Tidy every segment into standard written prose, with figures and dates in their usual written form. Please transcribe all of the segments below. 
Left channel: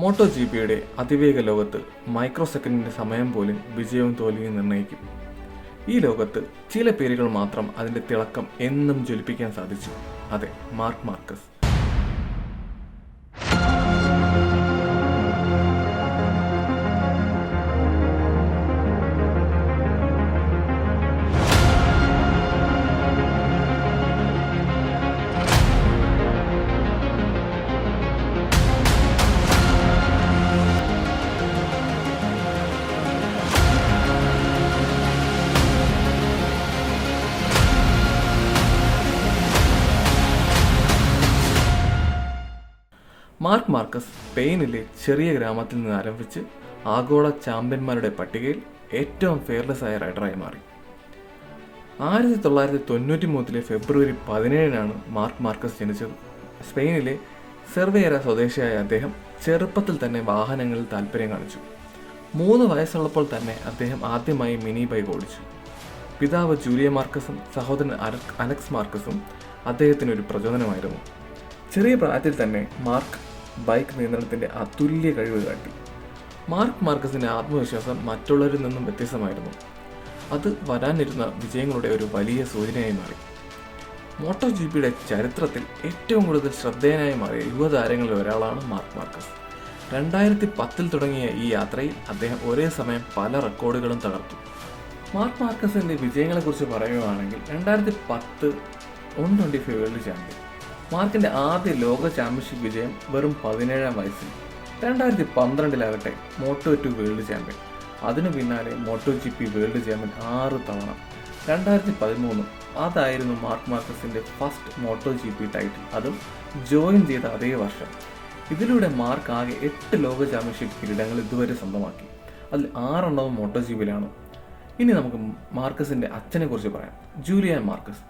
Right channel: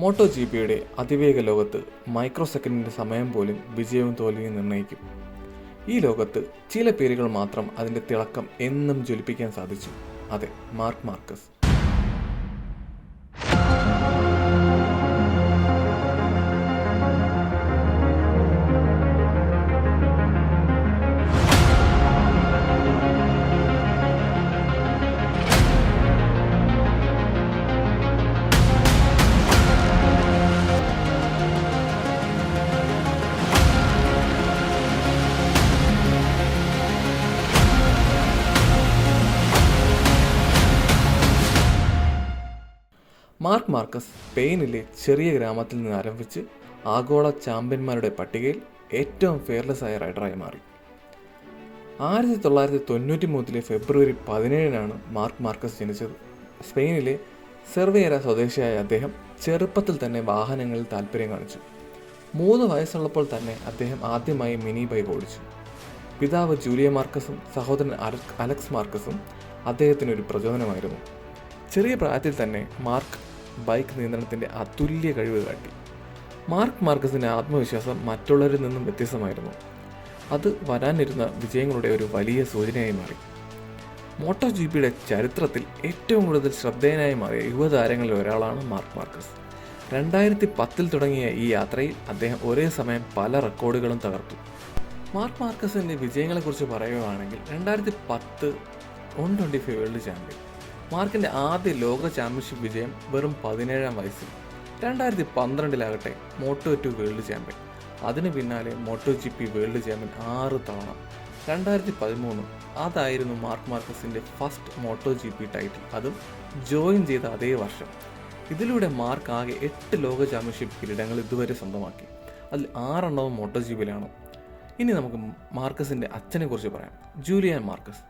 Motto G പിയുടെ അതിവേഗ ലോകത്ത് മൈക്രോ സെക്കൻഡിൻ്റെ സമയം പോലും വിജയവും തോൽവിയും നിർണ്ണയിക്കും. ഈ ലോകത്ത് ചില പേരുകൾ മാത്രം അതിൻ്റെ തിളക്കം എന്നും ജ്വലിപ്പിക്കാൻ സാധിച്ചു. അതെ, മാർക്ക് മാർക്കസ്. മാർക്ക് മാർക്കസ് സ്പെയിനിലെ ചെറിയ ഗ്രാമത്തിൽ നിന്ന് ആരംഭിച്ച് ആഗോള ചാമ്പ്യന്മാരുടെ പട്ടികയിൽ ഏറ്റവും ഫെയർലെസ് ആയ റൈഡറായി മാറി. 1993 ഫെബ്രുവരി 17 മാർക്ക് മാർക്കസ് ജനിച്ചത്. സ്പെയിനിലെ സെർവേര സ്വദേശിയായ അദ്ദേഹം ചെറുപ്പത്തിൽ തന്നെ വാഹനങ്ങളിൽ താല്പര്യം കാണിച്ചു. 3 വയസ്സുള്ളപ്പോൾ തന്നെ അദ്ദേഹം ആദ്യമായി മിനി ബൈക്ക് ഓടിച്ചു. പിതാവ് ജൂലിയ മാർക്കസും സഹോദരൻ അലക്സ് മാർക്കസും അദ്ദേഹത്തിന് ഒരു പ്രചോദനമായിരുന്നു. ചെറിയ പ്രായത്തിൽ തന്നെ മാർക്ക് ബൈക്ക് നിയന്ത്രണത്തിൻ്റെ അതുല്യ കഴിവ് കാട്ടി. മാർക്ക് മാർക്കസിൻ്റെ ആത്മവിശ്വാസം മറ്റുള്ളവരിൽ നിന്നും വ്യത്യസ്തമായിരുന്നു. അത് വരാനിരുന്ന വിജയങ്ങളുടെ ഒരു വലിയ സൂചനയായി മാറി. മോട്ടോ ജി പിയുടെ ചരിത്രത്തിൽ ഏറ്റവും കൂടുതൽ ശ്രദ്ധേയനായി മാറിയ യുവതാരങ്ങളിൽ ഒരാളാണ് മാർക്ക് മാർക്കസ്. 2010 തുടങ്ങിയ ഈ യാത്രയിൽ അദ്ദേഹം ഒരേ സമയം പല റെക്കോർഡുകളും തകർത്തു. മാർക്ക് മാർക്കസിൻ്റെ വിജയങ്ങളെക്കുറിച്ച് പറയുകയാണെങ്കിൽ 2010 125 വേൾഡ് ചാമ്പ്യൻ. മാർക്കിൻ്റെ ആദ്യ ലോക ചാമ്പ്യൻഷിപ്പ് വിജയം വെറും 17-ാം വയസ്സിൽ. 2012 മോട്ടോ 2 വേൾഡ് ചാമ്പ്യൻ. അതിനു പിന്നാലെ Moto G P world champion 6 തവണ. 2013 അതായിരുന്നു മാർക്ക് മാർക്കസിൻ്റെ first Moto G P title, അതും ജോയിൻ ചെയ്ത അതേ വർഷം. ഇതിലൂടെ മാർക്ക് ആകെ 8 ലോക ചാമ്പ്യൻഷിപ്പ് കിരീടങ്ങൾ ഇതുവരെ സ്വന്തമാക്കി. അതിൽ 6 മോട്ടോ ജി പിയിലാണ്. ഇനി നമുക്ക് മാർക്കസിൻ്റെ അച്ഛനെ കുറിച്ച് പറയാം. Julian Marcus.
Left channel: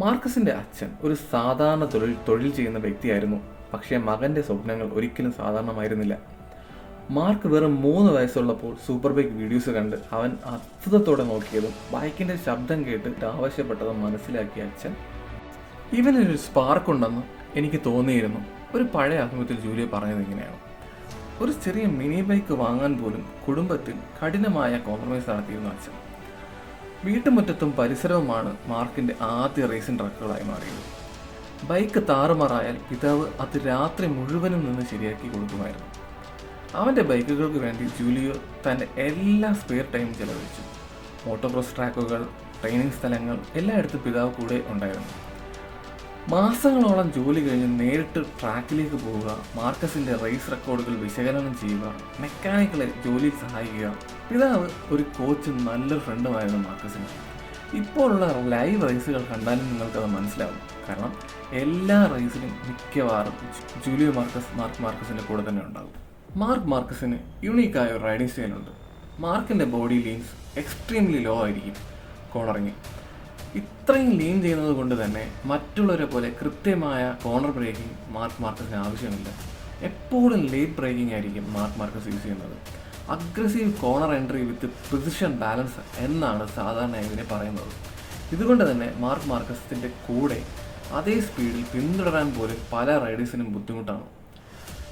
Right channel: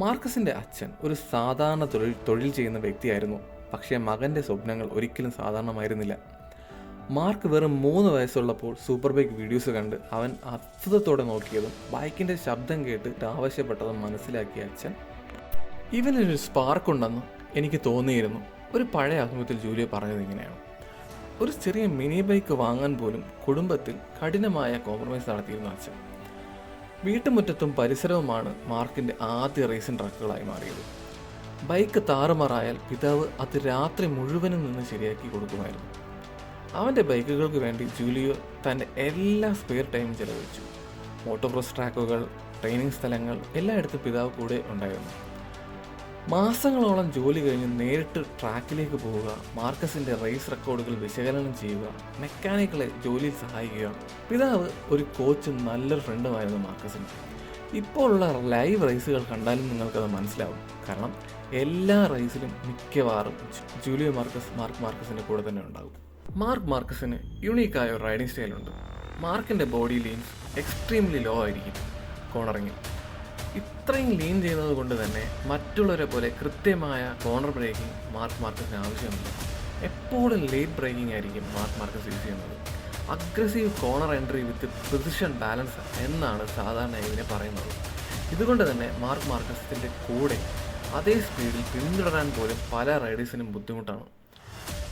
മാർക്കസിൻ്റെ അച്ഛൻ ഒരു സാധാരണ തൊഴിൽ ചെയ്യുന്ന വ്യക്തിയായിരുന്നു. പക്ഷേ മകൻ്റെ സ്വപ്നങ്ങൾ ഒരിക്കലും സാധാരണമായിരുന്നില്ല. മാർക്ക് വെറും 3 വയസ്സുള്ളപ്പോൾ സൂപ്പർ ബൈക്ക് വീഡിയോസ് കണ്ട് അവൻ അത്ഭുതത്തോടെ നോക്കിയതും ബൈക്കിൻ്റെ ശബ്ദം കേട്ട് ആവശ്യപ്പെട്ടതും മനസ്സിലാക്കിയ അച്ഛൻ, ഇവനൊരു സ്പാർക്ക് ഉണ്ടെന്ന് എനിക്ക് തോന്നിയിരുന്നു. ഒരു പഴയ അഭിമുഖത്തിൽ ജൂലിയ പറഞ്ഞത് ഇങ്ങനെയാണ്: ഒരു ചെറിയ മിനി ബൈക്ക് വാങ്ങാൻ പോലും കുടുംബത്തിൽ കഠിനമായ കോംപ്രമൈസ് നടത്തിയിരുന്ന അച്ഛൻ. വീട്ടുമുറ്റത്തും പരിസരവുമാണ് മാർക്കിൻ്റെ ആദ്യ റേസിംഗ് ട്രക്കുകളായി മാറിയത്. ബൈക്ക് താറുമാറായാൽ പിതാവ് അത് രാത്രി മുഴുവനും നിന്ന് ശരിയാക്കി കൊടുക്കുമായിരുന്നു. അവൻ്റെ ബൈക്കുകൾക്ക് വേണ്ടി ജൂലിയോ തൻ്റെ എല്ലാ സ്പെയർ ടൈമും ചെലവഴിച്ചു. മോട്ടോക്രോസ് ട്രാക്കുകൾ, ട്രെയിനിങ് സ്ഥലങ്ങൾ എല്ലായിടത്തും പിതാവ് കൂടെ ഉണ്ടായിരുന്നു. മാസങ്ങളോളം ജോലി കഴിഞ്ഞ് നേരിട്ട് ട്രാക്കിലേക്ക് പോവുക, മാർക്കസിൻ്റെ റേസ് റെക്കോർഡുകൾ വിശകലനം ചെയ്യുക, മെക്കാനിക്കുകളെ ജോലിയിൽ സഹായിക്കുക. പിതാവ് ഒരു കോച്ചും നല്ലൊരു ഫ്രണ്ടുമായിരുന്നു മാർക്കസിന്. ഇപ്പോഴുള്ള ലൈവ് റേസുകൾ കണ്ടാലും നിങ്ങൾക്കത് മനസ്സിലാവും. കാരണം എല്ലാ റേസിലും മിക്കവാറും ജൂലിയോ മാർക്ക് മാർക്കസിൻ്റെ കൂടെ തന്നെ ഉണ്ടാകും. മാർക്ക് മാർക്കസിന് യുണീക്കായ ഒരു റൈഡിംഗ് സ്റ്റൈലുണ്ട്. മാർക്കിൻ്റെ ബോഡി ലീൻസ് എക്സ്ട്രീംലി ലോ ആയിരിക്കും. കോർണറിങ് ഇത്രയും ലീൻ ചെയ്യുന്നത് കൊണ്ട് തന്നെ മറ്റുള്ളവരെ പോലെ കൃത്യമായ കോർണർ ബ്രേക്കിംഗ് മാർക്ക് മാർക്കസിന് ആവശ്യമില്ല. എപ്പോഴും ലേറ്റ് ബ്രേക്കിംഗ് ആയിരിക്കും മാർക്ക് മാർക്കസ് യൂസ് ചെയ്യുന്നത്. അഗ്രസീവ് കോർണർ എൻട്രി വിത്ത് പൊസിഷൻ ബാലൻസ് എന്നാണ് സാധാരണ ഇതിനെ പറയുന്നത്. ഇതുകൊണ്ട് തന്നെ മാർക്ക് മാർക്കസിൻ്റെ കൂടെ അതേ സ്പീഡിൽ പിന്തുടരാൻ പോലും പല റൈഡേഴ്സിനും ബുദ്ധിമുട്ടാണ്.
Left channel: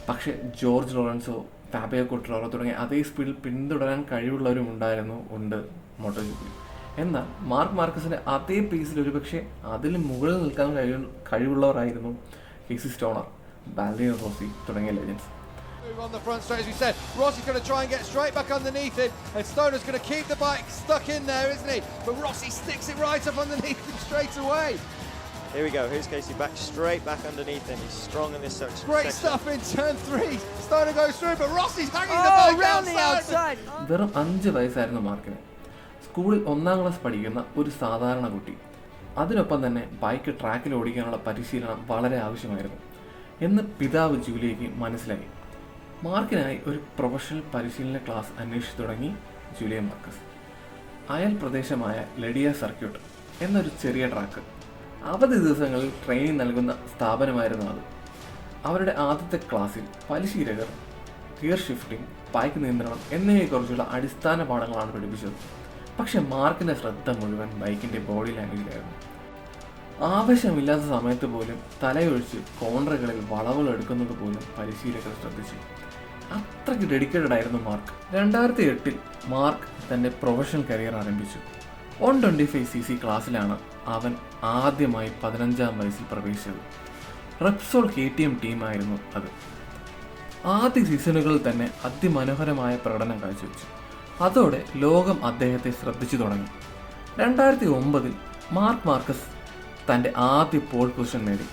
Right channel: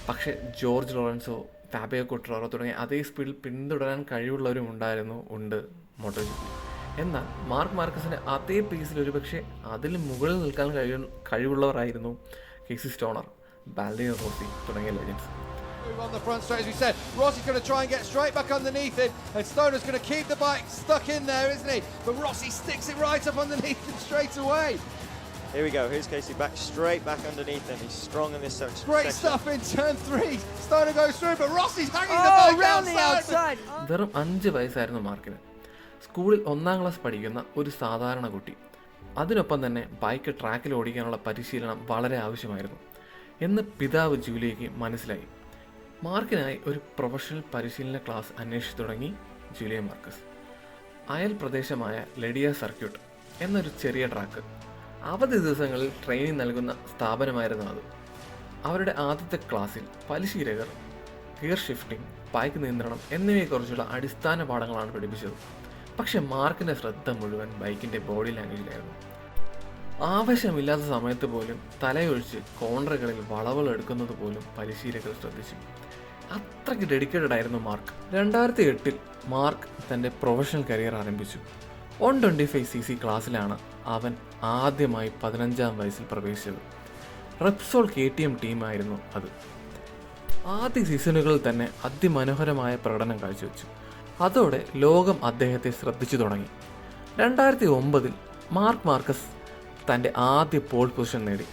പക്ഷേ ജോർജ് ലോറൻസോ, ഫാബിയോ ക്വാട്രാറോ തുടങ്ങിയ അതേ സ്പീഡിൽ പിന്തുടരാൻ കഴിവുള്ളവരും ഉണ്ട് മോട്ടോ ജി പി. എന്നാൽ മാർക്ക് മാർക്കസിൻ്റെ അതേ പേസിൽ ഒരുപക്ഷെ അതിന് മുകളിൽ നിൽക്കാൻ കഴിവുള്ളവരായിരുന്നു കേസി സ്റ്റോണർ, വാലന്റൈനോ റോസി തുടങ്ങിയ legends. On the front straight, as we said, Rossi's going to try and get straight back underneath him, and Stoner's going to keep the bike stuck in there, isn't he? But Rossi sticks it right up underneath him straight away. Here we go, here's Casey back straight back underneath him. He's strong in this section. Great stuff in turn 3. Stoner goes through, but Rossi's hanging the bike around the outside. വെറും 5 വയസ്സായിരുന്നു മാർക്കിന്. സ്കൂളിൽ 1-ാം class പഠിക്കുന്ന ഒരു സാധാരണ കുട്ടി. അതിനൊപ്പം തന്നെ ബൈക്ക് ട്രാക്കിൽ ഓടിക്കാനുള്ള പരിശീലനം വളരെ ആവശ്യമായിരുന്നു എന്ന് പിതാവ് ജൂലിയയ്ക്ക് മനസ്സിലായി. മാർക്കിനായി ഒരു പ്രൊഫഷണൽ പരിശീലന ക്ലാസ് അന്വേഷിച്ചു തുടങ്ങി ജൂലിയ മാർക്കസ്. അയൽ പ്രദേശമായ ലഡിയ സർക്യൂട്ട് എന്നൊരു ചെറിയ ട്രാക്ക്, അവധി ദിവസങ്ങളിൽ ട്രെയിനിങ് നൽകുന്ന സ്ഥാപനമായിരുന്നു അത്. അവരുടെ ആദ്യത്തെ ക്ലാസ്സിൽ പരിശീലകർ ഗിയർ ഷിഫ്റ്റിംഗ്, ബൈക്ക് നിയന്ത്രണം എന്നിവയെക്കുറിച്ചുള്ള അടിസ്ഥാന പാഠങ്ങളാണ് പഠിപ്പിച്ചത്. പക്ഷെ മാർക്കിൻ്റെ ശ്രദ്ധ മുഴുവൻ ബൈക്കിൻ്റെ ബോഡി ലാംഗ്വേജിലായിരുന്നു. ആവശ്യമില്ലാത്ത സമയത്ത് പോലും തലയൊഴിച്ച് കോൺട്രകളിൽ വളവുകൾ എടുക്കുന്നത് പോലും പരിശീലകർ ശ്രദ്ധിച്ചു. അത്രയ്ക്ക് ഡെഡിക്കേറ്റഡ് ആയിരുന്നു മാർക്ക്. 2008 മാർക്ക് തൻ്റെ പ്രൊഫഷണൽ കരിയർ ആരംഭിച്ചു. 125cc ക്ലാസ്സിലാണ് അവൻ ആദ്യമായി 15-ാം വയസ്സിൽ പ്രവേശിച്ചത്. റെപ്സോൾ KTM ടീമായിരുന്നു അത്. ആദ്യ സീസണുകളിൽ തന്നെ അതിമനോഹരമായ പ്രകടനം കാഴ്ചവെച്ചു. അതോടെ ലോകം അദ്ദേഹത്തെ ശ്രദ്ധിച്ചു തുടങ്ങി. 2009 മാർക്ക് മാർക്കസ് തൻ്റെ ആദ്യ പോൾ പൊസിഷൻ നേടി.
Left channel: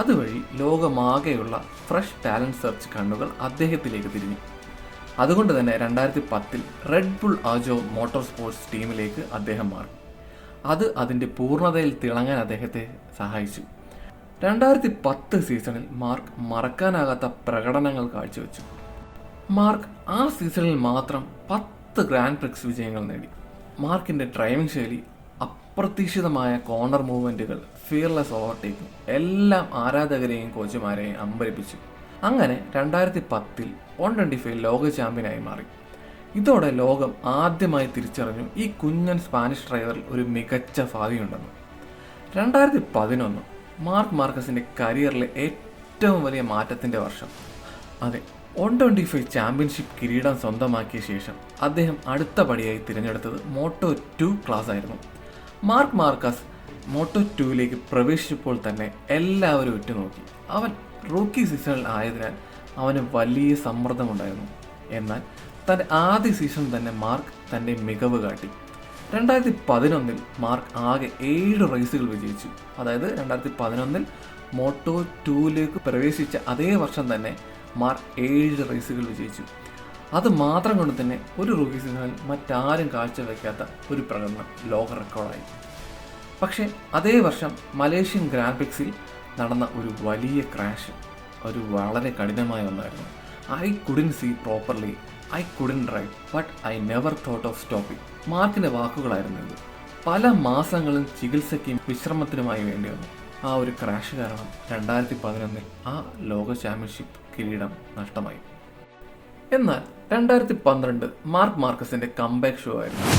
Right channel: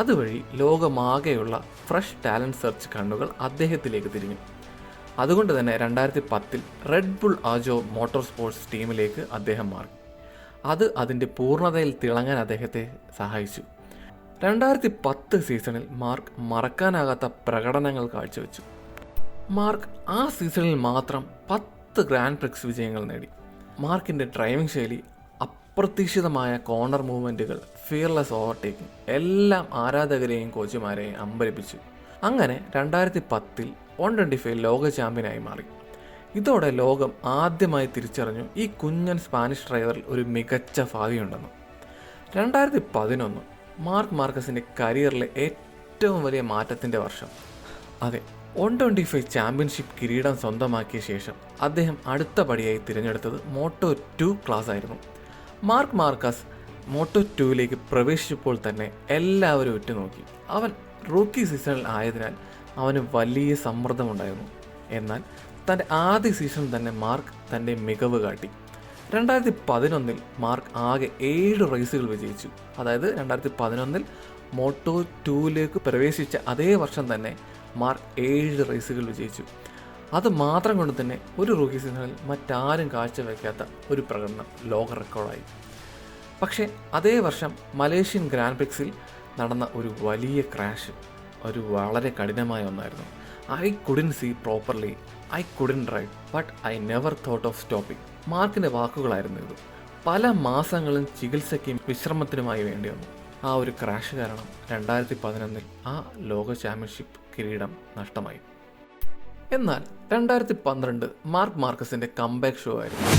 അതുവഴി ലോകമാകെയുള്ള ഫ്രഷ് ടാലൻറ്റ് സെർച്ച് കണ്ണുകൾ അദ്ദേഹത്തിലേക്ക് തിരിഞ്ഞു. അതുകൊണ്ട് തന്നെ 2010 റെഡ് ബുൾ ആജോ മോട്ടോർ സ്പോർട്സ് ടീമിലേക്ക് അദ്ദേഹം മാറി. അത് അതിൻ്റെ പൂർണ്ണതയിൽ തിളങ്ങാൻ അദ്ദേഹത്തെ സഹായിച്ചു. 2010 സീസണിൽ മാർക്ക് മറക്കാനാകാത്ത പ്രകടനങ്ങൾ കാഴ്ചവെച്ചു. മാർക്ക് ആ സീസണിൽ മാത്രം 10 ഗ്രാൻഡ് പ്രിക്സ് വിജയങ്ങൾ നേടി. മാർക്കിൻ്റെ ഡ്രൈവിംഗ് ശൈലി, അപ്രതീക്ഷിതമായ കോർണർ മൂവ്മെൻറ്റുകൾ, ഫിയർലെസ് ഓവർടേക്കിംഗ് എല്ലാം ആരാധകരെയും കോച്ചുമാരെയും അമ്പരപ്പിച്ചു. അങ്ങനെ 2010 125 ലോക ചാമ്പ്യനായി മാറി. ഇതോടെ ലോകം ആദ്യമായി തിരിച്ചറിഞ്ഞു ഈ കുഞ്ഞൻ സ്പാനിഷ് ഡ്രൈവറിൽ ഒരു മികച്ച ഭാവിയുണ്ടെന്ന്. 2011 മാർക്ക് മാർക്കസിൻ്റെ കരിയറിലെ ഏറ്റവും വലിയ മാറ്റത്തിൻ്റെ വർഷം. അതെ, 125 ചാമ്പ്യൻഷിപ്പ് കിരീടം സ്വന്തമാക്കിയ ശേഷം അദ്ദേഹം അടുത്ത പടിയായി തിരഞ്ഞെടുത്തത് Moto2 ക്ലാസ് ആയിരുന്നു. മാർക്ക് മാർക്കസ് Moto2ലേക്ക് പ്രവേശിച്ചപ്പോൾ തന്നെ എല്ലാവരും ഉറ്റുനോക്കി. അവൻ റൂക്കി സീസണിൽ ആയതിനാൽ അവന് വലിയ സമ്മർദ്ദമുണ്ടായിരുന്നു. എന്നാൽ തൻ്റെ ആദ്യ സീസണിൽ തന്നെ മാർക്ക് തൻ്റെ മികവ് കാട്ടി. 2011 മാർക്ക് ആകെ 7 റേസുകൾ വിജയിച്ചു. അതായത് 2011 Moto2ലേക്ക് പ്രവേശിച്ച അതേ വർഷം തന്നെ മാർക്ക് 7 റേസുകൾ വിജയിച്ചു. അത് മാത്രം കൊണ്ട് തന്നെ ഒരു റൂക്കി സീസണിൽ മറ്റാരും കാഴ്ചവെക്കാത്ത ഒരു പ്രകടനം ലോക റെക്കോർഡായി. പക്ഷേ അതേ വർഷം മലേഷ്യൻ ഗ്രാൻഡ് പ്രിക്സിൽ നടന്ന ഒരു വലിയ ക്രാഷ് ഒരു വളരെ കഠിനമായ ഒന്നായിരുന്നു. I couldn't see properly, I couldn't drive, but I never thought of stopping. മാർക്കിൻ്റെ വാക്കുകളായിരുന്നു ഇത്. പല മാസങ്ങളും ചികിത്സയ്ക്കും വിശ്രമത്തിനുമായി വേണ്ടി വന്നു. ആ ഒരു ക്രാഷ് കാരണം 2011 ആ ലോക ചാമ്പ്യൻഷിപ്പ് കിരീടം നഷ്ടമായി. എന്നാൽ 2012 മാർക്ക് മാർക്കസിൻ്റെ കംബാക്ക് ഷോ ആയിരുന്നു.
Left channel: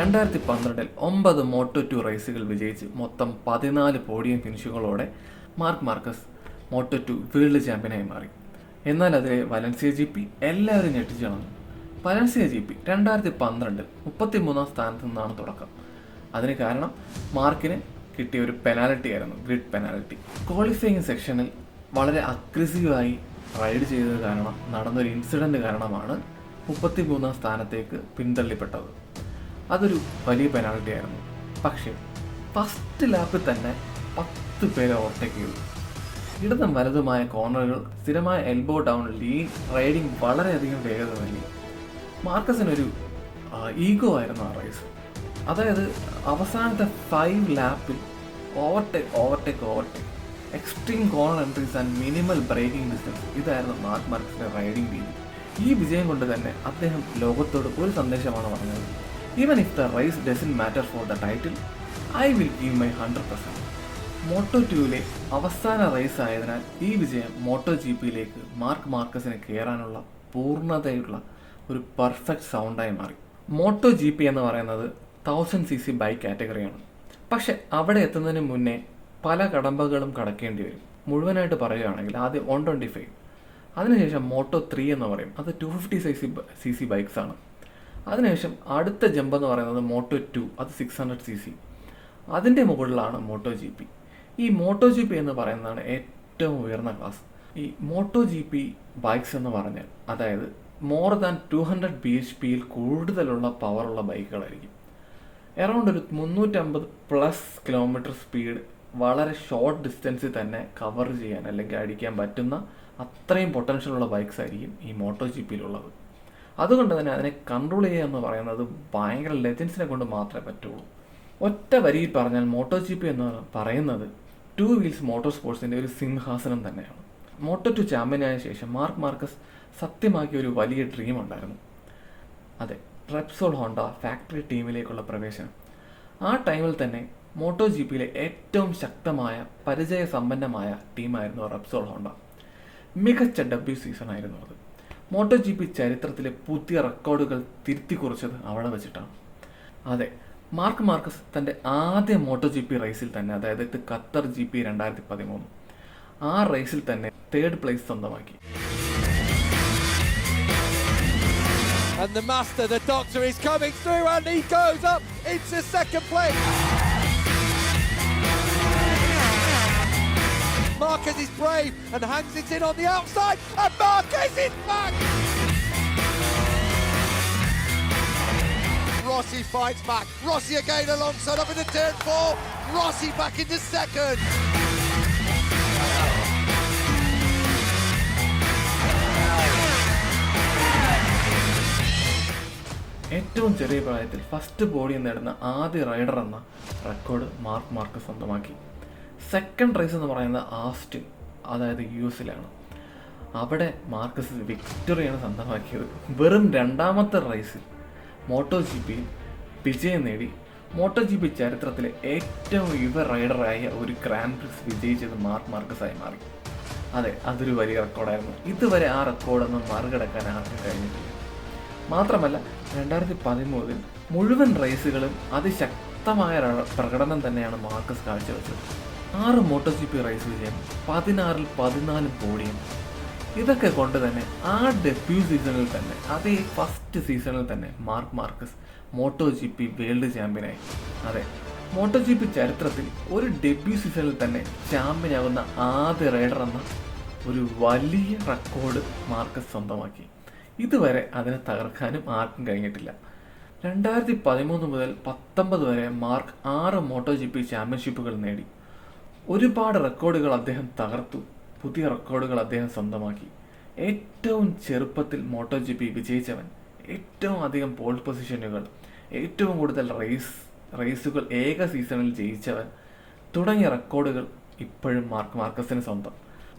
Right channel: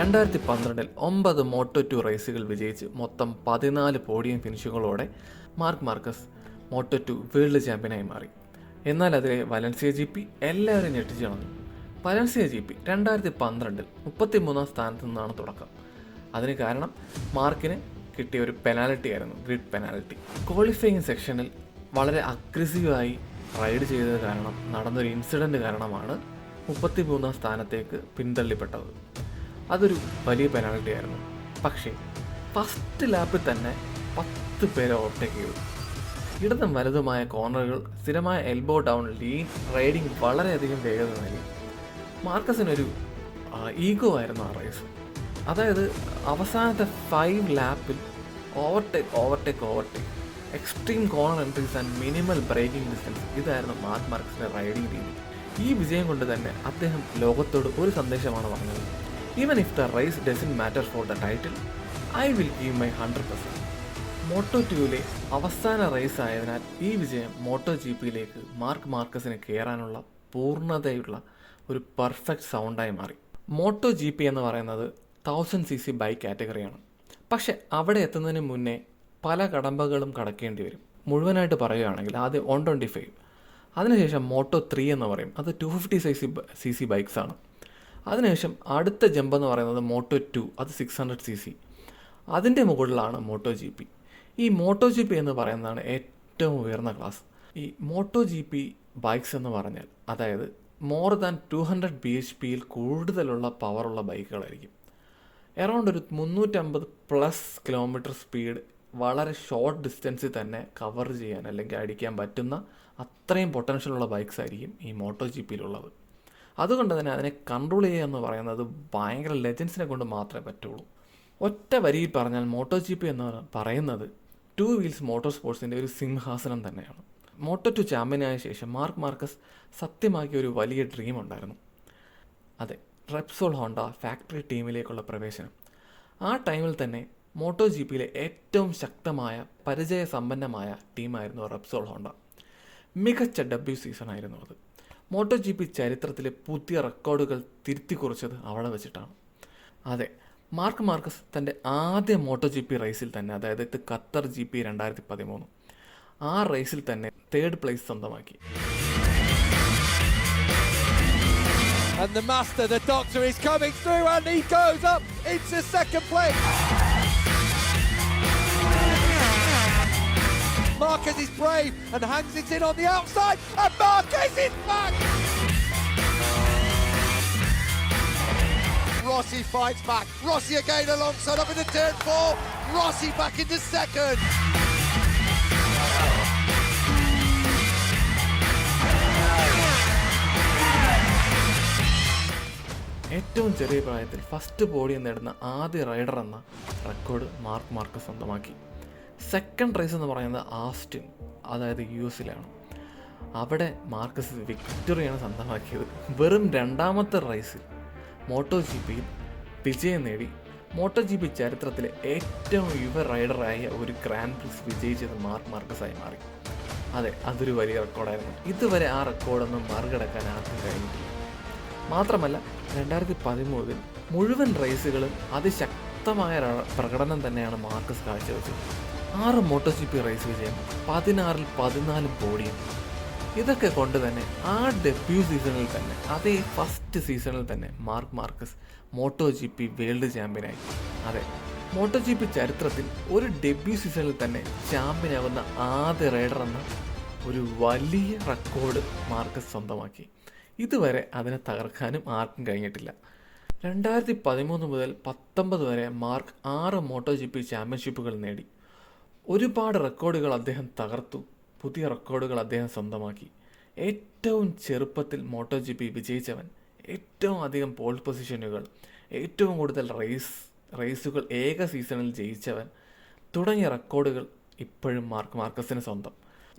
രണ്ടായിരത്തി 9 Moto2 റേസുകൾ വിജയിച്ച് മൊത്തം 14 പോഡിയം ഫിനിഷുകളോടെ മാർക്ക് മാർക്കസ് Moto2 വേൾഡ് ചാമ്പ്യനായി മാറി. എന്നാൽ അതിലെ വലൻസിയ GP എല്ലാവരും ഞെട്ടിച്ചു വന്നു. വലൻസിയ GP 2012 33-ാം സ്ഥാനത്ത് നിന്നാണ് തുടക്കം. അതിന് കാരണം മാർക്കിന് കിട്ടിയ ഒരു പെനാൽറ്റി ആയിരുന്നു, ഗ്രിഡ് പെനാൽറ്റി. ക്വാളിഫയിങ് സെക്ഷനിൽ വളരെ അഗ്രസീവായി റൈഡ് ചെയ്തത് കാരണം നടന്നൊരു ഇൻസിഡൻറ്റ് കാരണമാണ് 33-ാം സ്ഥാനത്തേക്ക് പിന്തള്ളപ്പെട്ടത്. അതൊരു വലിയ പെനാൽറ്റി ആയിരുന്നു. പക്ഷേ ഫസ്റ്റ് ലാപ്പിൽ തന്നെ 10 പേരെ ഓവർടേക്ക് ചെയ്തു. ഇടതും വലതുമായ കോർണറുകൾ, സ്ഥിരമായ എൽബോ ഡൗൺ, ലീൻ റൈഡിങ് വളരെയധികം വേഗത നൽകി. മാർക്കസിനൊരു ഈഗോ ആയിരുന്നു ആ റേസ്. അതായത് അവസാനത്തെ 5 ലാപ്പിൽ overtake extreme corner entries and minimal braking distance, ഇതായിരുന്നു മാർക്ക് മാർക്കസിൻ്റെ റൈഡിംഗ് രീതി. ഈ വിജയം കൊണ്ട് തന്നെ അദ്ദേഹം ലോകത്തോട് ഒരു സന്ദേശമാണ് പറഞ്ഞത്: Even if the race doesn't matter for the title, I will give my 100%. Moto2ലെ അവസാന റേസ് ആയതിനാൽ ഈ വിജയം MotoGPയിലേക്ക് മാർക്ക് മാർക്കസിന് കയറാനുള്ള പൂർണ്ണതയുള്ള ഒരു പെർഫെക്റ്റ് സൗണ്ടായി മാറി. MotoGP എന്ന് പറയുന്നത് 1000cc ബൈക്ക് കാറ്റഗറിയാണ്. പക്ഷെ അവിടെ എത്തുന്നതിന് മുന്നേ പല കടമ്പകളും കടക്കേണ്ടി വരും. മുഴുവനായിട്ട് പറയുകയാണെങ്കിൽ ആദ്യം 125, അതിനുശേഷം Moto3 എന്ന് പറയും, അത് 250cc ബൈക്സ് ആണ്. അതിനുശേഷം അടുത്ത ജമ്പ് എന്ന് പറയുന്നത് Moto2, അത് 600cc. അതിൻ്റെ മുകളിലാണ് MotoGP. ഈ MotoGP എന്ന് പറയുന്നതാണ് ഏറ്റവും ഉയർന്ന ക്ലാസ്. ഈ MotoGP ബൈക്സ് എന്ന് പറഞ്ഞാൽ അതായത് മോർ ദാൻ 200 bhpയിൽ കൂടുതലുള്ള പവറുള്ള ബൈക്കുകളായിരിക്കും. അറൗണ്ട് ഒരു 350+ കിലോമീറ്റർ സ്പീഡ് വളരെ ഷോർട്ട് ഡിസ്റ്റൻസിൽ തന്നെ കവർ ചെയ്യാൻ അല്ലെങ്കിൽ അടിക്കാൻ പറ്റുന്ന അത്രയും പൊട്ടൻഷ്യലുള്ള ബൈക്സ് ആയിരിക്കും ഈ MotoGPയിലുള്ളത്. അതുകൊണ്ട് തന്നെ അതിനെ കൺട്രോൾ ചെയ്യുക എന്ന് പറയുന്നത് ഭയങ്കര ലെജൻസിനെ കൊണ്ട് മാത്രമേ പറ്റുള്ളൂ. ഒറ്റ വരിയിൽ പറഞ്ഞാൽ MotoGP എന്ന് പറയുന്നത് 2 വീൽസ് മോട്ടോർ സ്പോർട്സിൻ്റെ ഒരു സിംഹാസനം തന്നെയാണ്. Moto2 ചാമ്പ്യനായ ശേഷം മാർക്ക് മാർക്കസ് സത്യമാക്കിയ ഒരു വലിയ ഡ്രീം ഉണ്ടായിരുന്നു. അതെ, റെപ്സോൾ ഹോണ്ട ഫാക്ടറി ടീമിലേക്കുള്ള പ്രവേശനം. ആ ടൈമിൽ തന്നെ മോട്ടോ ജി പിയിലെ ഏറ്റവും ശക്തമായ പരിചയസമ്പന്നമായ ടീമായിരുന്നു റെപ്സോൾ ഹോണ്ട. മികച്ച ഡബ്ല്യു സീസൺ ആയിരുന്നു അത്. മോട്ടോ ജി പി ചരിത്രത്തിലെ പുതിയ റെക്കോർഡുകൾ തിരുത്തി കുറിച്ചത് അവിടെ വെച്ചിട്ടാണ്. അതെ, മാർക്ക് മാർക്കസ് തൻ്റെ ആദ്യ മോട്ടോ ജി പി റേസിൽ തന്നെ, അതായത് ഖത്തർ GP 2013, ആ റേസിൽ തന്നെ 3rd പ്ലേസ് സ്വന്തമാക്കി. And the master, the doctor, is coming through and he goes up into 2nd place. Marquez is brave and hangs it in on the outside, and Marquez is back! Rossi fights back. Rossi again alongside up into turn 4. Rossi back into 2nd. ഏറ്റവും ചെറിയ പ്രായത്തിൽ first podium നേടുന്ന ആദ്യ rider എന്ന record mark Marcus സ്വന്തമാക്കി. 2nd raise എന്ന് പറയുന്നത് Austin, അതായത് US-ലാണ്. അവിടെ മാർക്കസ് വിക്ടറിയാണ് സ്വന്തമാക്കിയത്. വെറും 2ാമത്തെ റേസിൽ മോട്ടോ ജി പിയിൽ വിജയം നേടി മോട്ടോ ജി പി ചരിത്രത്തിലെ ഏറ്റവും യുവ റൈഡറായ ഒരു ഗ്രാൻഡ് പ്രിക്സ് വിജയിച്ചത് മാർക്ക് മാർക്കസായി മാറി. അതെ, അതൊരു വലിയ റെക്കോർഡായിരുന്നു. ഇതുവരെ ആ റെക്കോർഡൊന്നും മറികടക്കാൻ ആർക്കും കഴിഞ്ഞിട്ടില്ല. മാത്രമല്ല 2013 മുഴുവൻ റേസുകളും അതിശക്തമായ പ്രകടനം തന്നെയാണ് മാർക്കസ് കാഴ്ചവെച്ചത്. 6 മോട്ടോ ജി പി റേസ് വിജയം, 16-ൽ 14 പോഡിയം. ഇതൊക്കെ കൊണ്ട് തന്നെ ആ ഡെബ്യൂ സീസണിൽ തന്നെ, അതേ ഫസ്റ്റ് സീസണിൽ തന്നെ Mark Marquez Moto G P world ചാമ്പ്യനായി. അതെ, മോട്ടോ ജി പി ചരിത്രത്തിൽ ഒരു ഡെബ്യൂ സീസണിൽ തന്നെ ചാമ്പ്യനാകുന്ന ആദ്യ റൈഡർ എന്ന ഒരു വലിയ റെക്കോർഡ് മാർക്കസ് സ്വന്തമാക്കി. ഇതുവരെ അതിനെ തകർക്കാനും ആർക്കും കഴിഞ്ഞിട്ടില്ല. 2013 മുതൽ 2019 വരെ മാർക്ക് 6 മോട്ടോ ജി പി ചാമ്പ്യൻഷിപ്പുകൾ നേടി. ഒരുപാട് റെക്കോർഡുകൾ അദ്ദേഹം തകർത്തു, പുതിയ റെക്കോർഡുകൾ അദ്ദേഹം സ്വന്തമാക്കി. ഏറ്റവും ചെറുപ്പത്തിൽ മോട്ടോ ജി പി വിജയിച്ചവൻ, ഏറ്റവും അധികം പോൾ പൊസിഷനുകൾ, ഏറ്റവും കൂടുതൽ റേസുകൾ ഏക സീസണിൽ ജയിച്ചവൻ തുടങ്ങിയ റെക്കോർഡുകൾ ഇപ്പോഴും മാർക്ക് മാർക്കസിന് സ്വന്തം.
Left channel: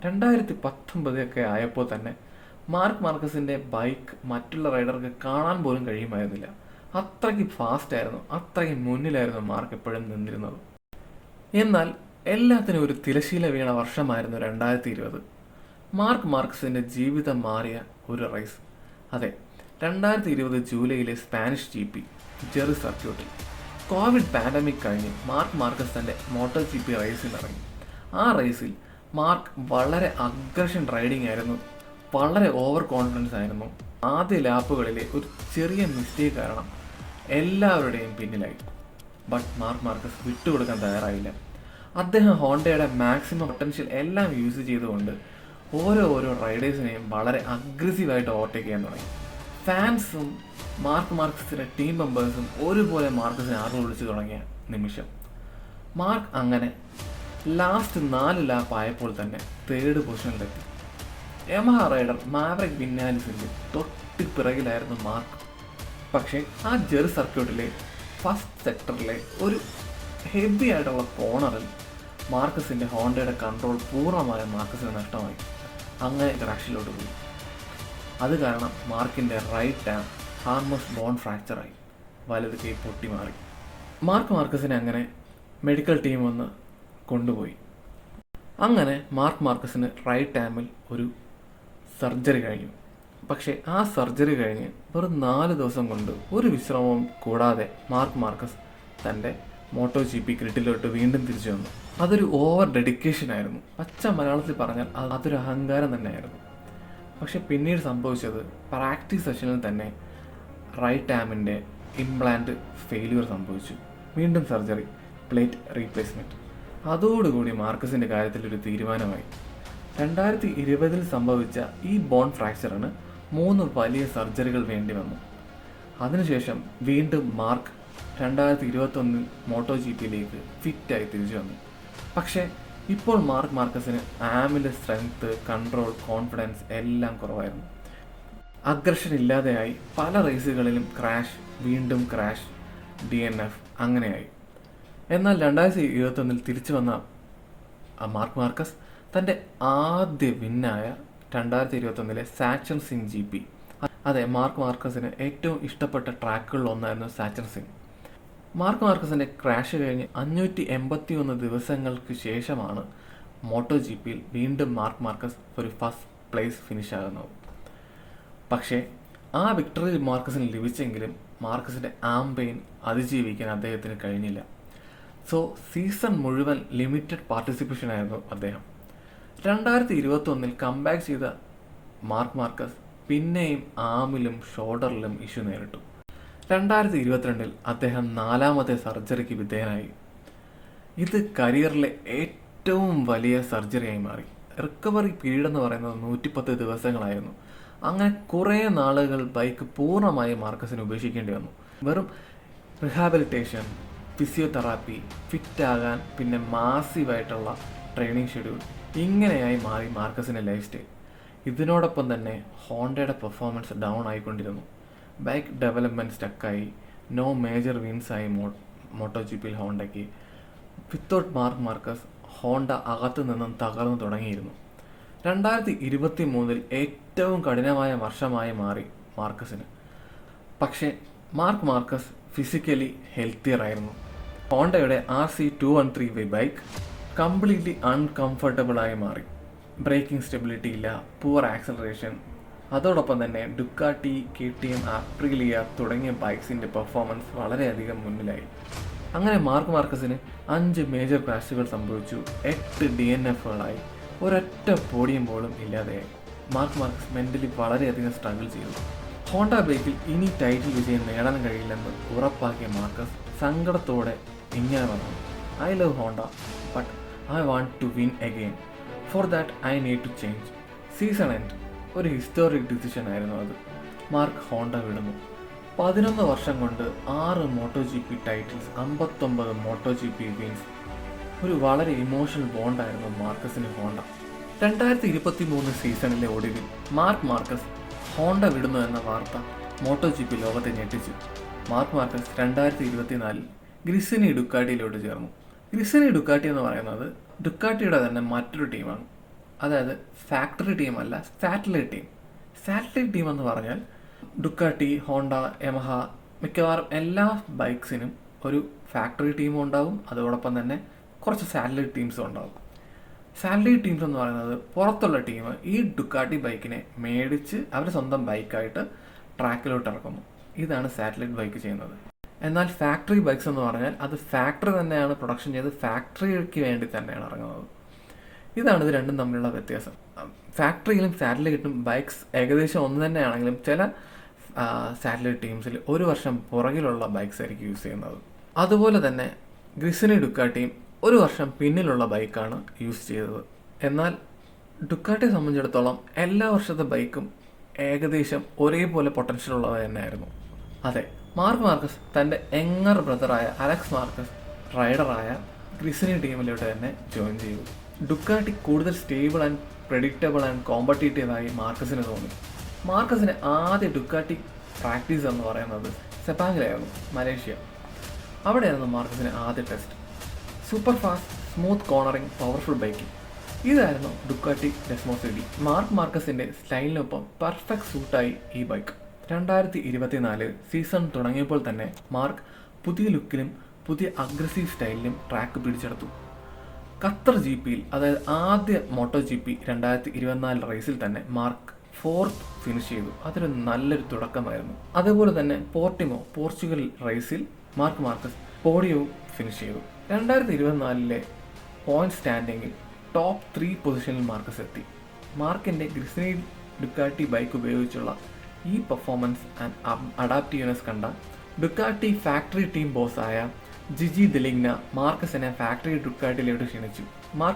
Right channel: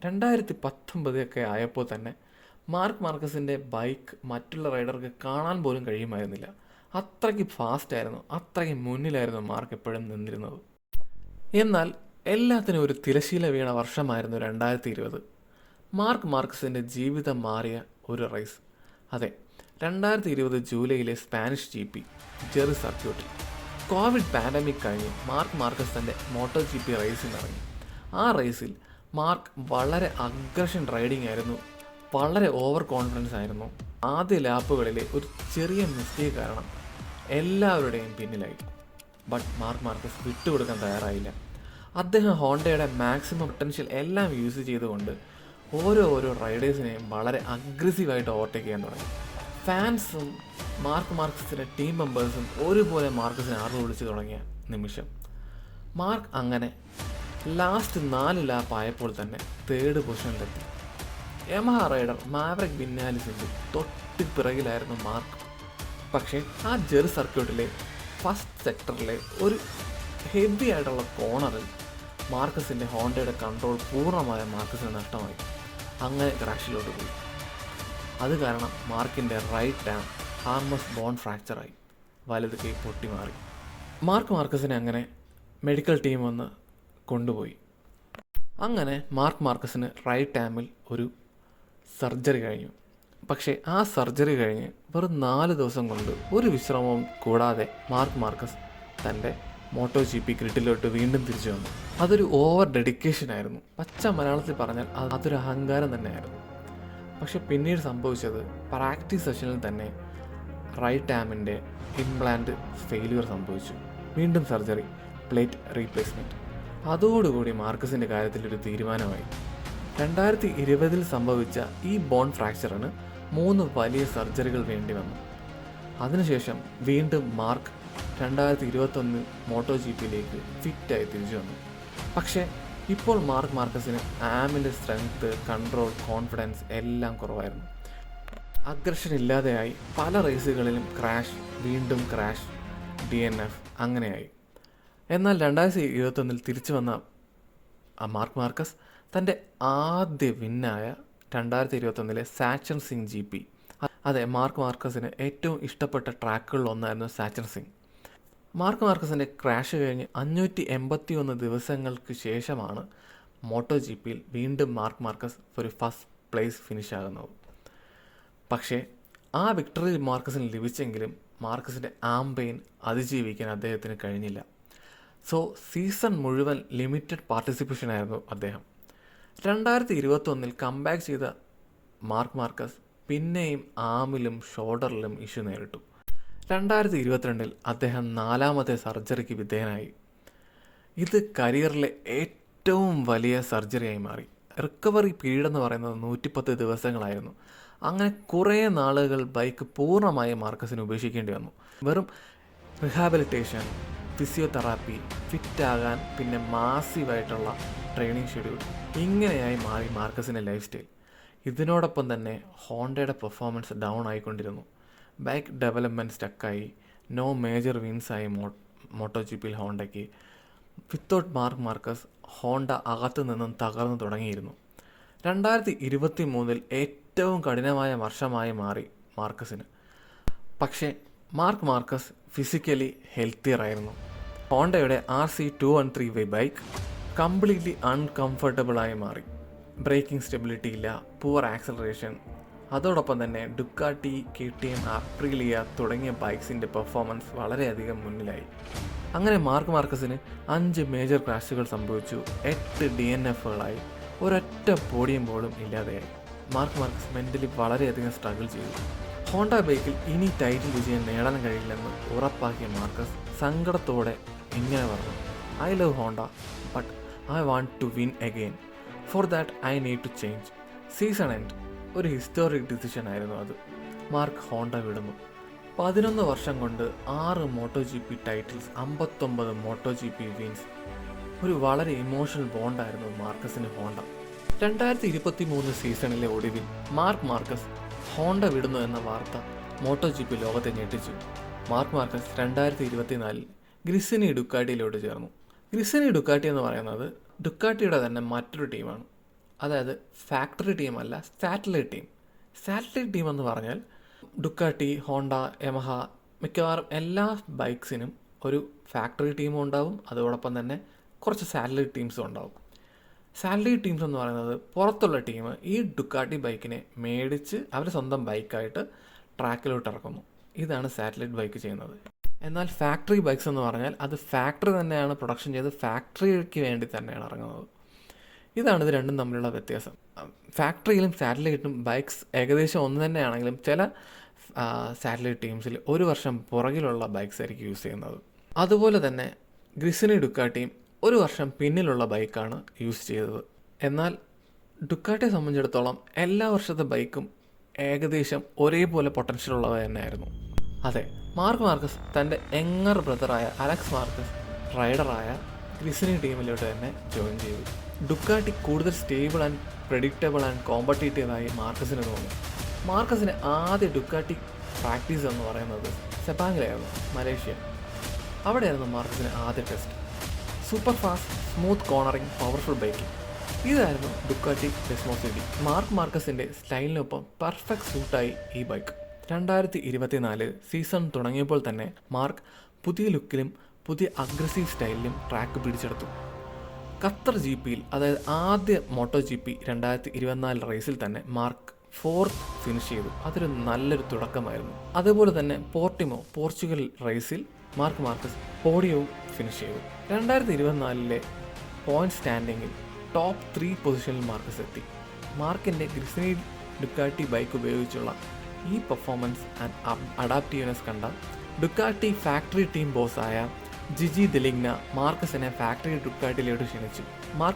2019 ഒക്കെ ആയപ്പോൾ തന്നെ മാർക്ക് മാർക്കസിൻ്റെ ബൈക്ക് മറ്റുള്ള റൈഡർക്ക് കാണാൻ പോലും കഴിയുമായിരുന്നില്ല. അത്രയ്ക്ക് ഫാസ്റ്റായിരുന്നു, അത്രയ്ക്ക് മുന്നിലായിരുന്നു മാർക്ക് എപ്പോഴും നിന്നിരുന്നത്. എന്നാൽ എല്ലാത്തിനും ഒരു തിരശീല വീണ വർഷമായിരുന്നു 2020. മാർക്ക് മാർക്കസിൻ്റെ ജീവിതം മാറിയ ഒരു റേസ്. അതെ, 2020 ജൂലൈയിലെ സ്പാനിഷ് GP ജെറി സർക്യൂട്ടിൽ കോവിഡ് പാൻഡമിക് കഴിഞ്ഞ് മാർക്ക് മാർക്കസ് തൻ്റെ മോട്ടോ ജി പി റേസിൽ ഇറങ്ങി. ആ റേസിൽ മാർക്ക് വളരെ അഗ്രഷൻ റൈഡിംഗ് ആയിരുന്നു, വളരെ ഓവർ കോൺഫിഡൻസ് ആയിരുന്നു. ആദ്യ ലാപ്പുകളിലെ ഒരു ചെറിയ മിസ്റ്റേക്ക് കാരണം എല്ലാവരുടെയും പിന്നിലായി. ബട്ട് മാർക്ക് മാർക്കസ് വിട്ടുകൊടുക്കാൻ തയ്യാറായില്ല. അദ്ദേഹം ഹോണ്ടയുടെ മാക്സിമം പൊട്ടൻഷ്യൽ എല്ലാം യൂസ് ചെയ്തുകൊണ്ട് ഓരോ റൈഡേഴ്സിനെയും വളരെ അഗ്രസീവായിട്ട് ഓവർടേക്ക് ചെയ്യാൻ തുടങ്ങി. ഫാൻസും മാർക്ക് മാർക്കസിൻ്റെ ടീം മെമ്പേഴ്സും ഒരുപോലെ മാർക്കസിനെ ആർവ് വിളിച്ചു തുടങ്ങിയ നിമിഷം മാർക്ക് അങ്ങനെ ലാസ്റ്റ് 4 ലാപ്പ് ആയപ്പോൾ തന്നെ 3rd പൊസിഷനിലെത്തി. യമഹ റൈഡർ മാവറിക് വിന്നാലിസിൻ്റെ തൊട്ട് പിറകിലായിരുന്നു മാർക്ക്. പക്ഷേ ആ ജെറി സർക്യൂട്ടിലെ ഫസ്റ്റ് സെക്ടറിലെ ഒരു ഹെവി ആയിട്ടുള്ള കോർണറിൽ മാർക്കസിൻ്റെ ഹോണ്ടയുടെ കൺട്രോൾ പൂർണ്ണമായും മാർക്കസിന് നഷ്ടമായി. അങ്ങനെ ക്രാഷിലോട്ട് പോയി. അത് കാരണം മാർക്കിൻ്റെ റൈറ്റ് ആം ഹാർമസ് ബോൺ ഫ്രാക്ചറായി, വലത് കൈ പൊട്ടി മാറി. മാർക്കസിനെ അങ്ങനെ മെഡിക്കൽ ടീം വന്ന് കൊണ്ടുപോയി. അങ്ങനെ മാർക്കസിന് റൈറ്റ് ആമിൽ ഒരു സർജറി കഴിഞ്ഞു. പക്ഷേ ആ സർജറി കഴിഞ്ഞ് വെറും 4 ദിവസം കൊണ്ട് ഒരു വിശ്രമവും കൂടാതെ മാർക്കസ് തൻ്റെ മോട്ടോ ജി പി ഗ്രിഡിലോട്ട് വീണ്ടും തിരിച്ചു വന്നു. അതൊരു ഓവർ ഡെഡിക്കേഷൻ ആയിരുന്നു. പച്ച മലയാളത്തിൽ പറഞ്ഞാൽ അതൊരു അഹങ്കാരം തന്നെയായിരുന്നു. പക്ഷെ പിന്നീട് സംഭവിച്ചത് പ്രാക്ടീസ് സെഷനിൽ തന്നെ റൈറ്റ് ആമിൻ്റെ ഇംപ്ലാന്റ് ഫെയിലിയർ സംഭവിച്ചു. വീണ്ടും സർജറി, പ്ലേറ്റ് റീപ്ലേസ്മെൻറ്റ്. അതോടുകൂടി മാർക്കസിൻ്റെ കാര്യത്തിൽ ഒരു തീരുമാനമായി. 2020 സംഭവിച്ച ഈ ബോൺ ഫ്രാക്ചറിന് 3 വലിയ സർജറികൾ വേണ്ടി വന്നു. അതിനുശേഷം വീണ്ടും മാർക്ക് 2021 മോട്ടോ ജി പിയിലേക്ക് ഫിറ്റായി തിരിച്ചു വന്നു. പക്ഷേ ഇപ്പോൾ മാർക്കസിന് ആമിൻ്റെ സ്ട്രെങ്ത്, കൺട്രോൾ, കോൺഫിഡൻസ് എല്ലാം കുറവായിരുന്നു. അഗ്രഷൻ ഇല്ലാതെയായി. പല റേസുകളിലും ക്രാഷ്, വീണ്ടും ക്രാഷ്, DNF അങ്ങനെയായി. എന്നാൽ 2021 തിരിച്ചു വന്ന മാർക്കസ് തൻ്റെ ആദ്യ വിന്നായ 2021 സാച്ചൻ സിംഗ് GP. അതെ, മാർക്ക് മാർക്കസിന് ഏറ്റവും ഇഷ്ടപ്പെട്ട ട്രാക്കുകളിൽ ഒന്നായിരുന്നു സാച്ചൻ സിംഗ്. മാർക്ക് മാർക്കസിൻ്റെ ക്രാഷ് കഴിഞ്ഞ് 581 ദിവസങ്ങൾക്ക് ശേഷമാണ് മോട്ടോ GPയിൽ വീണ്ടും മാർക്ക് മാർക്കസ് ഒരു ഫസ്റ്റ് പ്ലേസ് ഫിനിഷ് ആകുന്നത്. പക്ഷേ ആ വിക്ടറി മാർക്കസിന് ലഭിച്ചെങ്കിലും മാർക്കസിൻ്റെ ആംപെയിൻ അതിജീവിക്കാൻ അദ്ദേഹത്തിന് കഴിഞ്ഞില്ല. സോ സീസൺ മുഴുവൻ ലിമിറ്റഡ് പാർട്ടിസിപ്പേഷൻ ആയിരുന്നു അദ്ദേഹം. 2021 കംബാക്ക് ചെയ്ത മാർക്ക് മാർക്കസ് പിന്നെയും ആമിലും ഷോൾഡറിലും ഇഷ്യൂ നേരിട്ടു. 2022 അദ്ദേഹം 4ാമത്തെ സർജറിക്ക് വിധേയനായി. ഇത് കരിയറിലെ ഏറ്റവും വലിയ സർജറിയായി മാറി. റിക്കവറി പീരീഡ് എന്ന് പറയുന്നത് 110 ദിവസങ്ങളായിരുന്നു. അങ്ങനെ കുറേ നാളുകൾ ബൈക്ക് പൂർണ്ണമായും മാർക്കസിന് ഉപേക്ഷിക്കേണ്ടി വന്നു. വെറും റിഹാബിലിറ്റേഷൻ, ഫിസിയോതെറാപ്പി, ഫിറ്റാകാൻ, പിന്നെ മാസീവായിട്ടുള്ള ട്രെയിനിങ് ഷെഡ്യൂൾ, ഇങ്ങനെയായി മാറി മാർക്കസിൻ്റെ ലൈഫ് സ്റ്റൈൽ. ഇതിനോടൊപ്പം തന്നെ ഹോണ്ടയുടെ പെർഫോമൻസ് ഡൗൺ ആയിക്കൊണ്ടിരുന്നു. ബൈക്ക് ഡെവലപ്മെൻറ്റ് സ്റ്റക്കായി. നോ മേജർ വിൻസായി മോട്ടോ GPയിൽ ഹോണ്ടയ്ക്ക്. വിത്തൗട്ട് മാർക്ക് മാർക്കസ് ഹോണ്ട അകത്തു നിന്നും തകർന്നു തുടങ്ങിയിരുന്നു. 2023 ഏറ്റവും കഠിനമായ വർഷമായി മാറി മാർക്കസിന്. പക്ഷേ മാർക്ക് മാർക്കസ് ഫിസിക്കലി ഹെൽത്തിയർ ആയിരുന്നു. ഹോണ്ടയുടെ RC213 ബൈക്ക് കംപ്ലീറ്റ്ലി അൺകംഫർട്ടബിളായി മാറി. ബ്രേക്കിംഗ് സ്റ്റെബിലിറ്റി ഇല്ല, പുവർ ആക്സലറേഷൻ. അതോടൊപ്പം തന്നെ ഡുക്കാട്ടി, KTM, അപ്രിലിയ തുടങ്ങിയ ബൈക്സിൻ്റെ പെർഫോമൻസ് വളരെയധികം മുന്നിലായി. അങ്ങനെ മാർക്ക് മാർക്കസിന് 5 മേജർ ക്രാഷുകൾ സംഭവിച്ചു, 8 DNFകളായി, ഒരൊറ്റ പോഡിയം പോലും ഇല്ലാതെയായി. മാർക്ക് മാർക്കസ് മെൻ്റലി വളരെയധികം സ്ട്രഗിൾ ചെയ്തു. ഹോണ്ട ബൈക്കിൽ ഇനി ടൈറ്റിൽ വിജയം നേടാൻ കഴിയില്ലെന്ന് ഉറപ്പാക്കിയ മാർക്കസ് സങ്കടത്തോടെ ഇങ്ങനെ പറഞ്ഞു: "I love Honda, but I want to win again. For that I need to change." Season end ഒരു ഹിസ്റ്റോറിക് ഡിസിഷൻ ആയിരുന്നു അത്. മാർക്ക് ഹോണ്ട വിടുന്നു. 11 വർഷം കൊണ്ട് 6 Moto GP titles, 59 Moto GP wins. ഒരു വളരെ ഇമോഷണൽ ബോണ്ടായിരുന്നു മാർക്കസിന് ഹോണ്ട. 2023 സീസണിലെ ഒടുവിൽ മാർക്ക് മാർക്കസ് ഹോണ്ട വിടുന്നു എന്ന വാർത്ത മോട്ടോ GP ലോകത്തെ ഞെട്ടിച്ചു. മാർക്ക് മാർക്കസ് 2024 ഗ്രിസിനി ഡുക്കാട്ടിയിലോട്ട് ചേർന്നു. ഗ്രിസിനി ഡുക്കാട്ടി എന്ന് പറയുന്നത് ഡുക്കാട്ടിയുടെ തന്നെ മറ്റൊരു ടീമാണ്. അതായത് ഫാക്ടറി ടീമല്ല, സാറ്റലൈറ്റ് ടീം. സാറ്റലൈറ്റ് ടീം എന്ന് പറഞ്ഞാൽ ഡുക്കാട്ടി, ഹോണ്ട, യമഹ, മിക്കവാറും എല്ലാ ബൈക്സിനും ഒരു ഫാക്ടറി ടീമും ഉണ്ടാവും. അതോടൊപ്പം തന്നെ കുറച്ച് സാറ്റലൈറ്റ് ടീംസും ഉണ്ടാവും. സാറ്റലൈറ്റ് ടീംസ് എന്ന് പറയുന്നത് പുറത്തുള്ള ടീം ഈ ഡുക്കാട്ടി ബൈക്കിനെ മേടിച്ച് അവർ സ്വന്തം ബൈക്കായിട്ട് ട്രാക്കിലോട്ട് ഇറക്കുന്നു. ഇതാണ് സാറ്റലൈറ്റ് ബൈക്ക് ചെയ്യുന്നത്. എന്നാൽ ഫാക്ടറി ബൈക്സ് എന്ന് പറഞ്ഞാൽ അത് ഫാക്ടറി തന്നെയാണ് പ്രൊഡക്ഷൻ ചെയ്ത് ഫാക്ടറിക്ക് വേണ്ടി തന്നെയാണ് ഇറങ്ങുന്നത്. ഇതാണ് ഇത് രണ്ടും തമ്മിലുള്ള വ്യത്യാസം. ഫാക്ടറിയിലും സാറ്റലൈറ്റും ബൈക്സ് ഏകദേശം ഒന്ന് തന്നെയാണെങ്കിലും ചില സാറ്റലൈറ്റ് ടീംസിൽ 1 വർഷം പുറകിലുള്ള ബൈക്സ് ആയിരിക്കും യൂസ് ചെയ്യുന്നത്. അതുപോലെ തന്നെ ഗ്രിസിനി ഡുക്കാട്ടിയും 1 വർഷം പിന്നിലുള്ള ബൈക്കാണ് യൂസ് ചെയ്തത്. എന്നാൽ ഡുക്കാട്ടിയെ സംബന്ധിച്ചിടത്തോളം എല്ലാ വർഷത്തെ ബൈക്കും ഏകദേശം ഒരേപോലെ പൊട്ടൻഷ്യൽ ഉള്ളത് തന്നെയായിരുന്നു. അതെ, മാർക്ക് മാർക്കസ് തൻ്റെ യങ്ങർ ബ്രദറായ അലക്സ് മാർക്കസ് റൈഡറായ ഗ്രിസിനി ടീമിലൂടെ തന്നെ ജോയിൻ ചെയ്തു. ഡുക്കാട്ടി കൂടുതൽ സ്റ്റേബിൾ ആൻഡ് പ്രെഡിക്റ്റബിൾ ആൻഡ് കോമ്പറ്റീറ്റീവായി മാർക്കസിന് തോന്നി. മാർക്കസിന് ആദ്യ ഡുക്കാട്ടി പ്രാക്ടീസ് എന്ന് പറയുന്നത് സെപ്പാങ്ങിലായിരുന്നു, മലേഷ്യ. അവിടെയായിരുന്നു മാർക്കസിന് ആദ്യ test. Super fast, smooth cornering, powerful biking, ഇതായിരുന്നു Ducati Desmo CD. Mark മാർക്കസിൻ്റെ സ്റ്റൈലിനൊപ്പം perfect സൂട്ടായി ഈ ബൈക്ക്. 2024 സീസൺ തുടങ്ങിയപ്പോൾ തന്നെ മാർക്ക് പുതിയ ലുക്കിലും പുതിയ അഗ്രസീവ് സ്റ്റൈലിലും ട്രാക്ക് പിടിച്ചെടുത്തു. ഖത്തർ GPയിൽ, അതായത് ആദ്യ മോട്ടോ GP 2024 റേസിൽ തന്നെ മാർക്ക് 4th ഫിനിഷ് ചെയ്തു. അതൊരു നല്ലൊരു തുടക്കമായിരുന്നു. അതുപോലെ തന്നെ പോർച്ചുഗൽ റേസിൽ മാർക്ക് മാർക്കസ് പോഡിയവും ഫിനിഷ് ചെയ്തു. 2024 പോയിന്റ് സ്റ്റാൻഡിങ്ങിൽ ടോപ്പ് 3 പൊസിഷനിൽ മാർക്കസ് എത്തി. മാർക്കിൻ്റെ ഗ്രിസിനി ഡുക്കാട്ടി ബൈക്ക് ഉപയോഗിച്ചുള്ള ഈ പെർഫോമൻസ് ആൻഡ് അഡാപ്റ്റീവ്നെസ് കണ്ട ഡുക്കാട്ടി ഫാക്ടറി ടീം ബോസായ ജിജി ദിലിഗ്ന മാർക്കസിനെ ഫാക്ടറി ഡുക്കാട്ടിയിലോട്ട് ക്ഷണിച്ചു.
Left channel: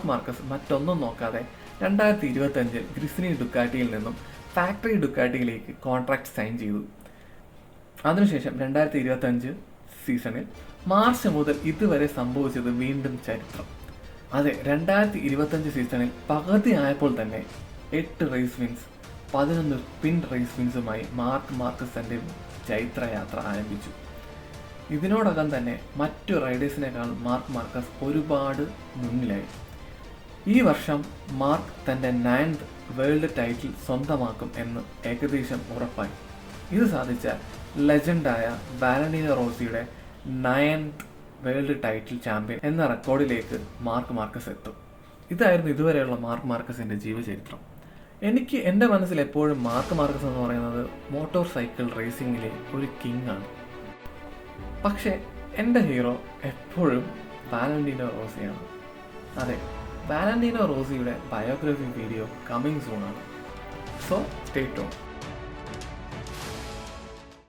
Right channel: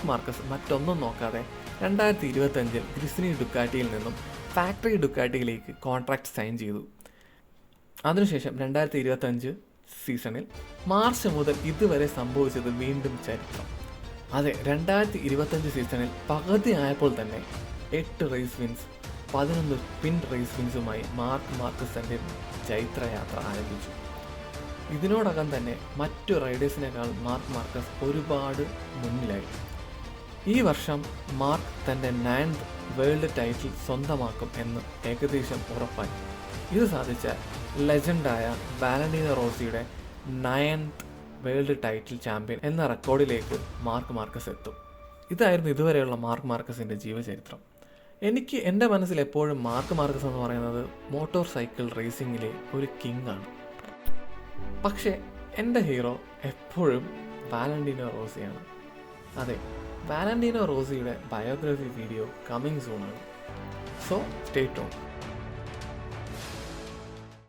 മാർക്കസ് മറ്റൊന്നും നോക്കാതെ 2025 ഗ്രിസിനി ഡുക്കാട്ടിയിൽ നിന്നും ഫാക്ടറി ഡുക്കാട്ടിയിലേക്ക് കോൺട്രാക്ട് സൈൻ ചെയ്തു. അതിനുശേഷം 2025 സീസണിൽ മാർച്ച് മുതൽ ഇതുവരെ സംഭവിച്ചത് വീണ്ടും ചരിത്രം. അതെ, 2025 സീസണിൽ പകുതി ആയപ്പോൾ തന്നെ 8 റേസ് വിൻസ്, 11 പിൻ റേസ് വിൻസുമായി മാർക്കസ് തൻ്റെ ചൈത്രയാത്ര ആരംഭിച്ചു. ഇതിനോടകം തന്നെ മറ്റു റൈഡേഴ്സിനേക്കാൾ മാർക്കസ് ഒരുപാട് മുന്നിലായി. ഈ വർഷം മാർക്ക് തൻ്റെ 9th വേൾഡ് ടൈറ്റിൽ സ്വന്തമാക്കും എന്ന് ഏകദേശം ഉറപ്പായി. ഇത് സാധിച്ച ലെജൻഡായ വാലന്റീനോ റോസിയുടെ 9th വേൾഡ് ടൈറ്റിൽ ചാമ്പ്യൻ എന്ന റെക്കോർഡിലേക്ക് മാർക്ക് മാർക്കസ് എത്തും. ഇതായിരുന്നു ഇതുവരെയുള്ള മാർക്ക് മാർക്കസിൻ്റെ ജീവചരിത്രം. എനിക്ക് എൻ്റെ മനസ്സിൽ എപ്പോഴും മാർക്ക് മാർക്കസ് എന്ന് പറയുന്നത് മോട്ടോർ സൈക്കിൾ റേസിങ്ങിലെ ഒരു കിങ് ആണ്. പക്ഷേ എൻ്റെ ഹീറോ എപ്പോഴും വാലന്റീനോ റോസിയാണ്. അതെ, വാലന്റീനോ റോസിയുടെ ബയോഗ്രഫി വീഡിയോ കമ്മിങ് സൂൺ ആണ്. So stay tuned.